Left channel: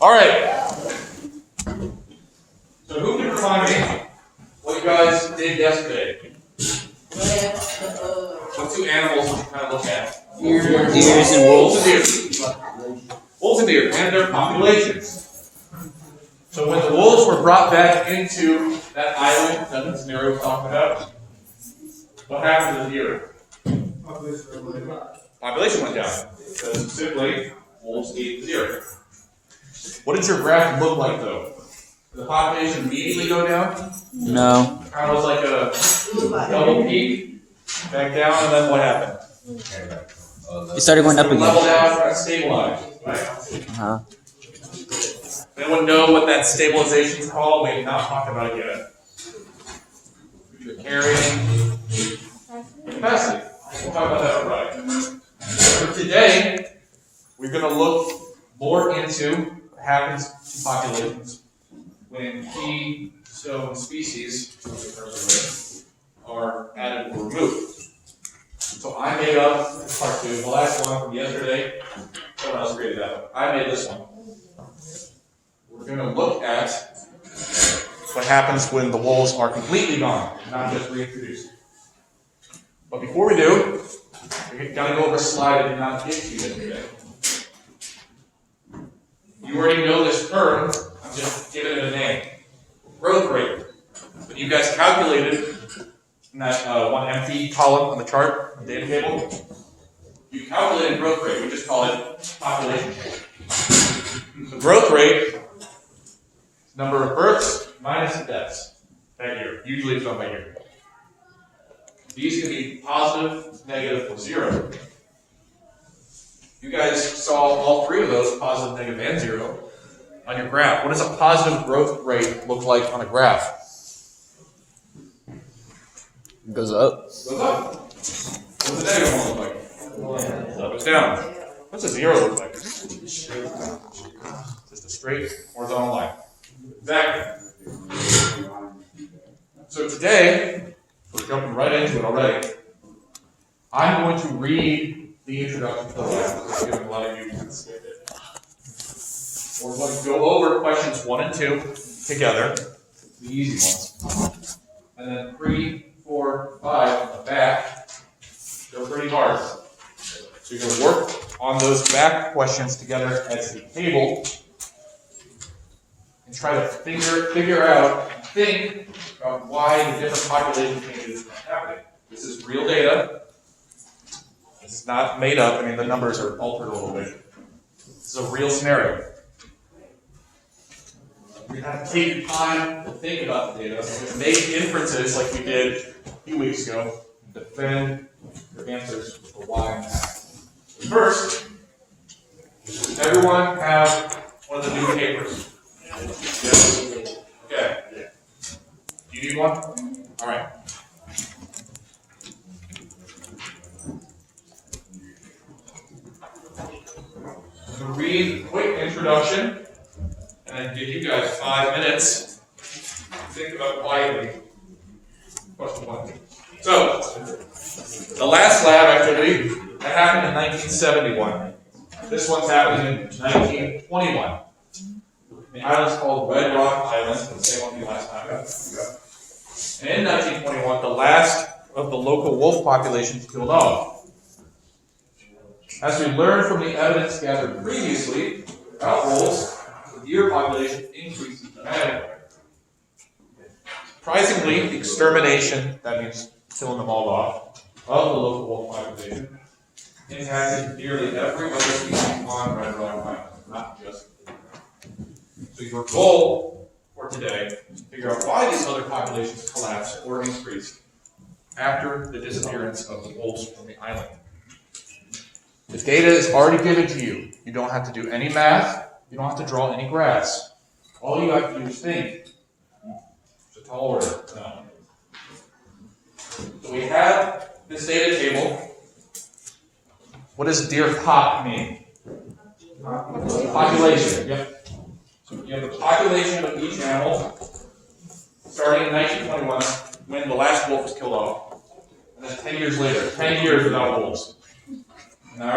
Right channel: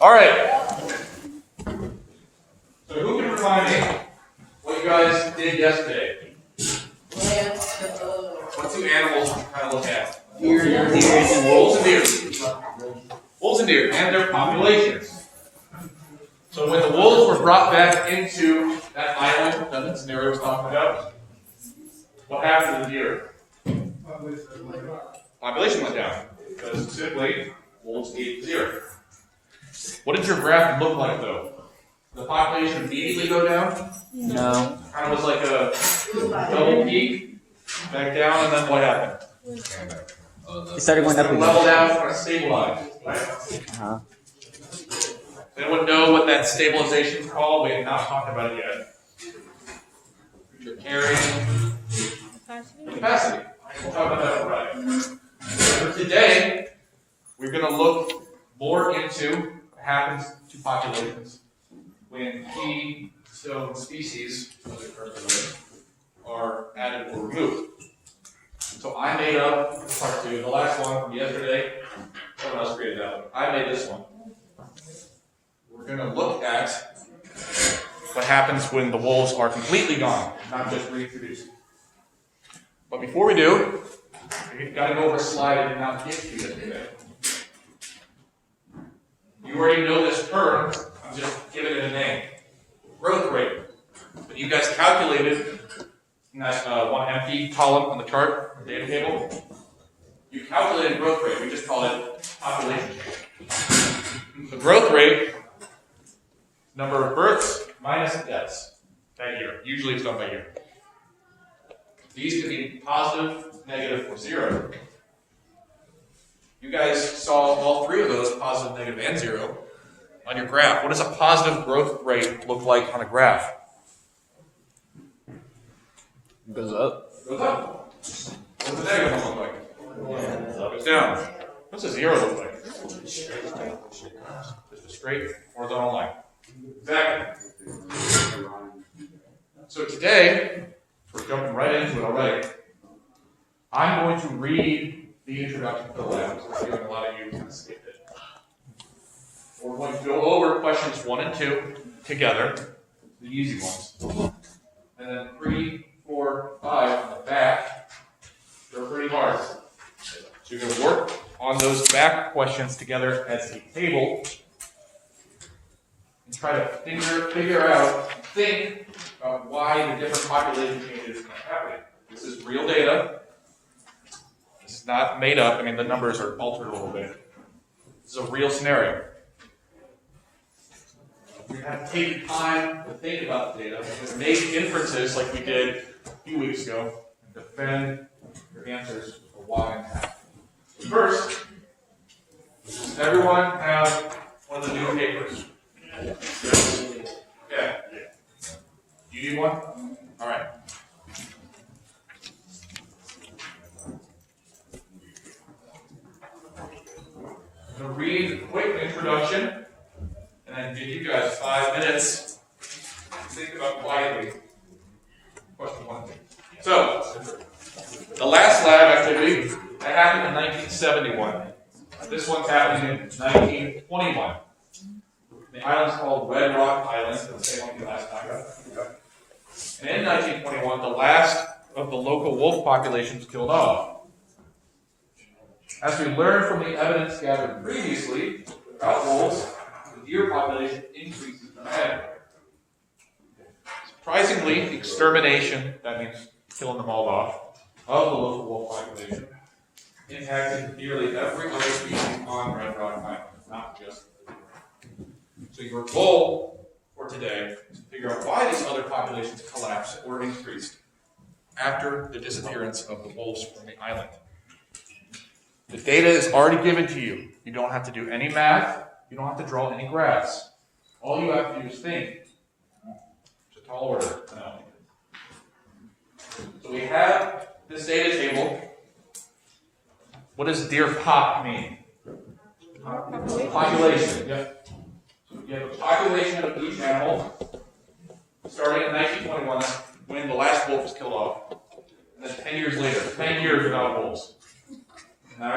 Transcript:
All right. So who can remind me what you guys did yesterday? What two animals did you kind of look at? Deers and Wolves wolves. and deer. Wolves and deer and their populations. So when the wolves were brought back into that island that the scenario was talking about, what happened to the deer? Population went down. Because simply, wolves ate the deer. What did your graph look like though? Did the population immediately go down? No. Kind of was like a double peak, back down, and then what happened? It started going up Kind of level again. down, kind of stabilize. Right? Uh-huh. Anyone know what that stabilization is called? We have not talked about it yet. You're carrying capacity. We'll talk about that right. So today, we're going to look more into what happens to populations when keystone species are added or removed. So I made up part two, the last one from yesterday. Someone else created that one. I made this one. We're going to look at what happens when the wolves are completely gone, not just reintroduced. But before we do, we've got to go over a slide I did not get to yesterday. You already know this term, I'm just giving it a name. Growth rate. When you guys calculated in that one empty column on the chart, the data table, you calculated growth rate. We just call it population. The growth rate, number of births minus deaths that year. Usually it's done by year. These can be positive, negative, or zero. You guys saw all three of those, positive, negative, and zero, on your graph. What does a positive growth rate look like on a graph? It goes up. It goes up. What's the negative one look like? It's down. What's a zero look like? Just a straight horizontal line. Exactly. So today, we're jumping right into it already. I'm going to read the introduction to the lab, because I'm giving a lot of you kind of skipped it. We're going to go over questions 1 and 2 together, the easy ones. And then 3, 4, 5 on the back, they're pretty hard. So you're going to work on those back questions together as a table and try to figure out, think about why the different population changes are happening. This is real data. This is not made up. I mean, the numbers are altered a little bit. This is a real scenario. You're going to have to take your time to think about the data, and make inferences like we did a few weeks ago, and defend your answers with the why and how. First, does everyone have one of the new papers? Yes. Okay. Do you need one? All right. I'm going to read a quick introduction and then give you guys 5 minutes to think about quietly. Question 1. So, the last lab activity that happened in 1971. This one's happening in 1921. The island's called Red Rock Island, the same one you last time. And in 1921, the last of the local wolf populations killed off. As we learned from the evidence gathered previously about wolves, the deer population increases dramatically. Surprisingly, the extermination, that means killing them all off, of the local wolf population impacted nearly every other species on Red Rock Island, not just the deer. So your goal for today is to figure out why these other populations collapsed or increased after the disappearance of the wolves from the island. The data is already given to you. You don't have to do any math. You don't have to draw any graphs. All you have to do is think. It's a tall order. No. So we have this data table. What does deer pop mean? Population. Yep. So you have the population of each animal starting in 1921 when the last wolf was killed off. And then 10 years later, 10 years without wolves. Now